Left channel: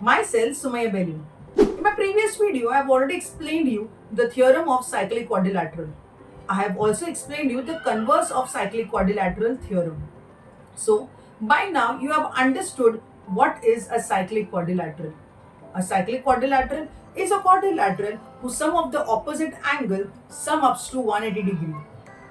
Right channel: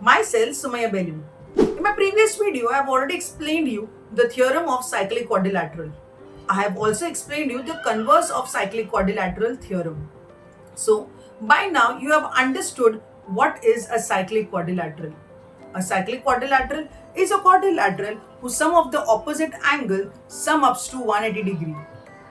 Myself, Sumaya Bellu. In my previous video, I have already explained you the theorem of cyclic quadrilateral. I have also explained you the converse of cyclic quadrilateral theorem. So, by now you have understood what is a cyclic quadrilateral. A cyclic quadrilateral is a quadrilateral whose sum of the opposite angle sum ups to 180 degree.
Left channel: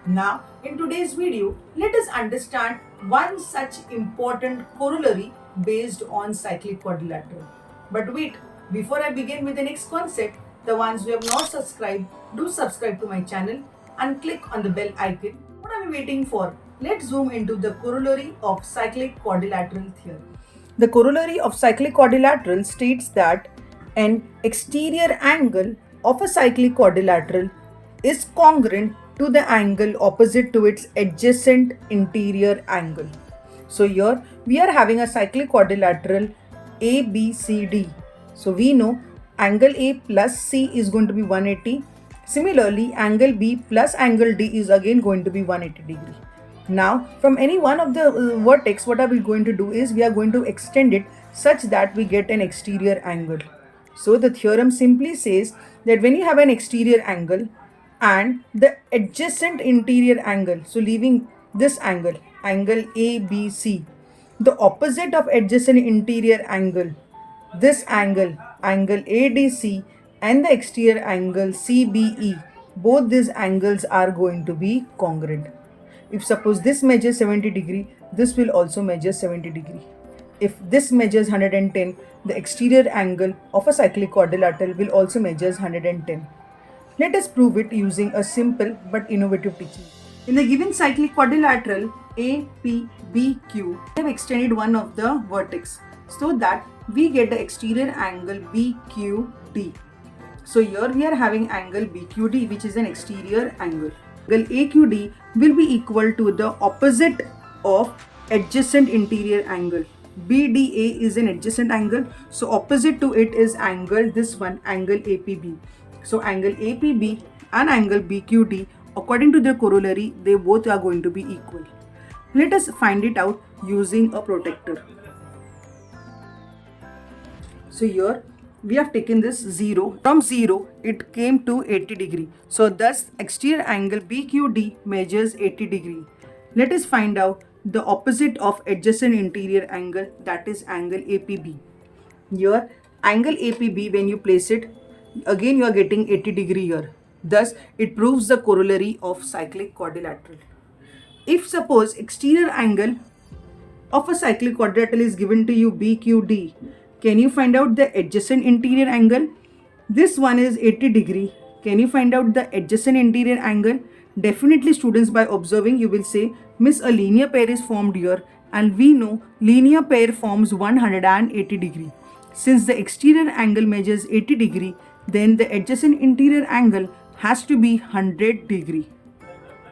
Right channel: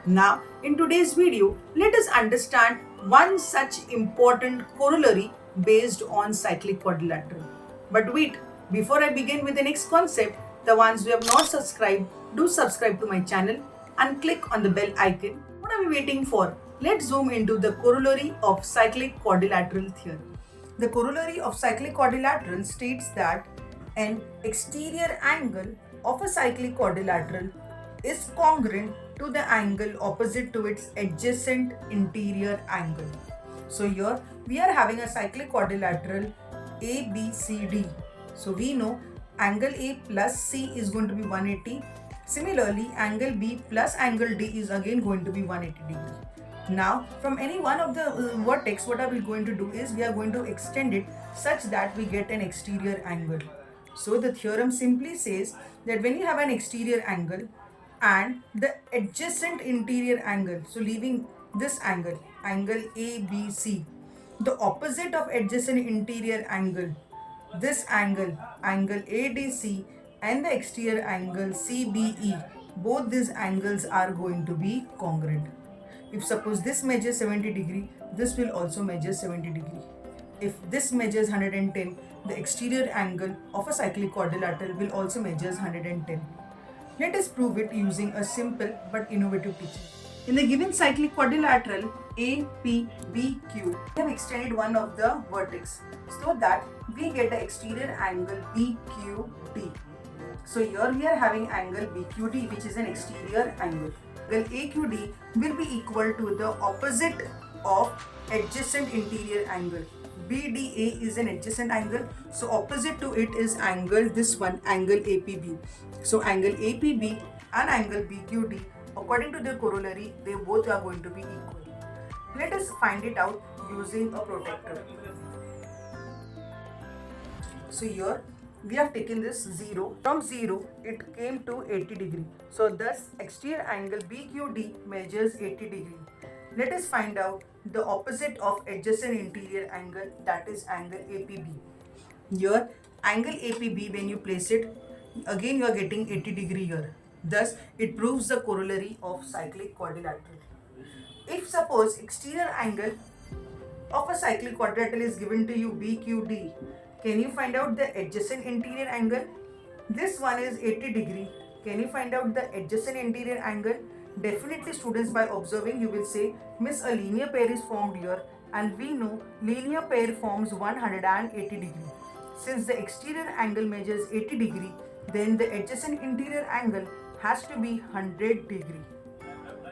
Now, in today's video, let us understand one such important corollary based on cyclic quadrilateral. But wait, before I begin with the next concept, the ones who have not subscribed, do subscribe to my channel and click on the bell icon. What are we waiting for? Let's zoom into the corollary of cyclic quadrilateral theorem. The corollary of cyclic quadrilateral states that an exterior angle of a cyclic quadrilateral is congruent to the angle opposite to its adjacent interior angle. So here we are having a cyclic quadrilateral ABCD. So we know angle A plus C is going to be 180. Similarly, angle B plus angle D is again going to be 180 degree. Now, from any one of the vertex, what are we going to do is we are going to extend it such that we get an exterior angle. So the theorem simply says that when you have an exterior angle and the adjacent interior angle, so leaving this angle, angle ABC, the opposite of adjacent interior angle, this angle, angle ADC, and the exterior angle CBE, both these angles are going to be congruent. If suppose this measures 70 degree, this will also measure 70 degree. If this measures 110, the exterior angle of a cyclic quadrilateral will also measures 110. Let us prove it using a simple but innovative technique. In the given cyclic quadrilateral APBQ, we have extended one of the vertex so that we get the exterior angle BQD. So here we are having angle BQD, which is an exterior angle. Angle AQD will be equal to the opposite of adjacent interior angle. BDA is an adjacent angle, so opposite to it is angle, this one, angle APB. So angle APB and angle BQD, according to the corollary, they both are going to be equal. Let us find it out using a protractor. So here we have taken this 0. From 0, it came to 80 degree. So thus exterior angle BQD measures 80 degree. Let us find out the opposite of adjacent interior angle, that is angle APB. Here angle APB, when you place it, again you are getting 80 degree here. Thus it proves the corollary of cyclic quadrilateral. If suppose exterior angle of a cyclic quadrilateral is given to you BQD, can you find out the adjacent interior angle? This one is 80 degree. Can you find out the adjacent interior angle? Definitely students, by observing you will say, Miss, a linear pair is formed here, and we know linear pair forms 180 degree. Since the exterior angle measures 80 degree, then the adjacent interior angle has to be 100 degree.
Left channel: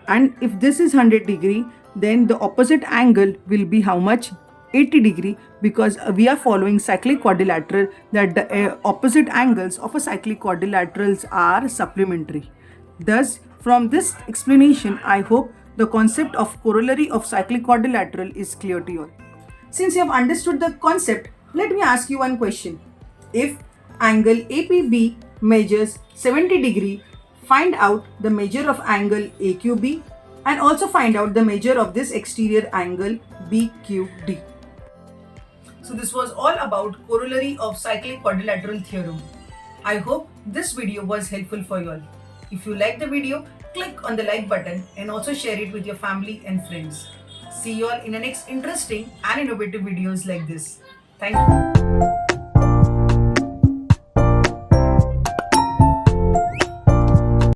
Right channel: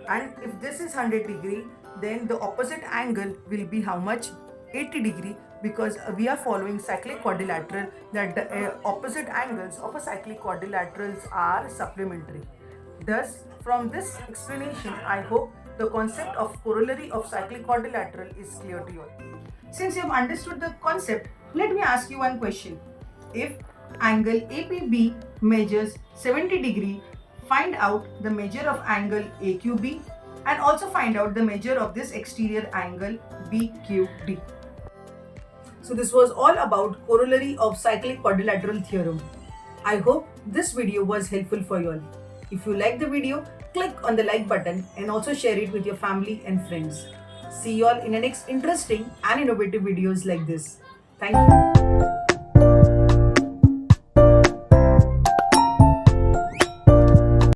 And if this is 100 degree, then the opposite angle will be how much? 80 degree, because we are following cyclic quadrilateral that the opposite angles of a cyclic quadrilaterals are supplementary. Thus, from this explanation, I hope the concept of corollary of cyclic quadrilateral is clear to you. Since you have understood the concept, let me ask you one question. If angle APB measures 70 degree, find out the measure of angle AQB and also find out the measure of this exterior angle BQD. So this was all about corollary of cyclic quadrilateral theorem. I hope this video was helpful for you all. If you like the video, click on the like button and also share it with your family and friends. See you all in the next interesting and innovative videos like this. Thank you.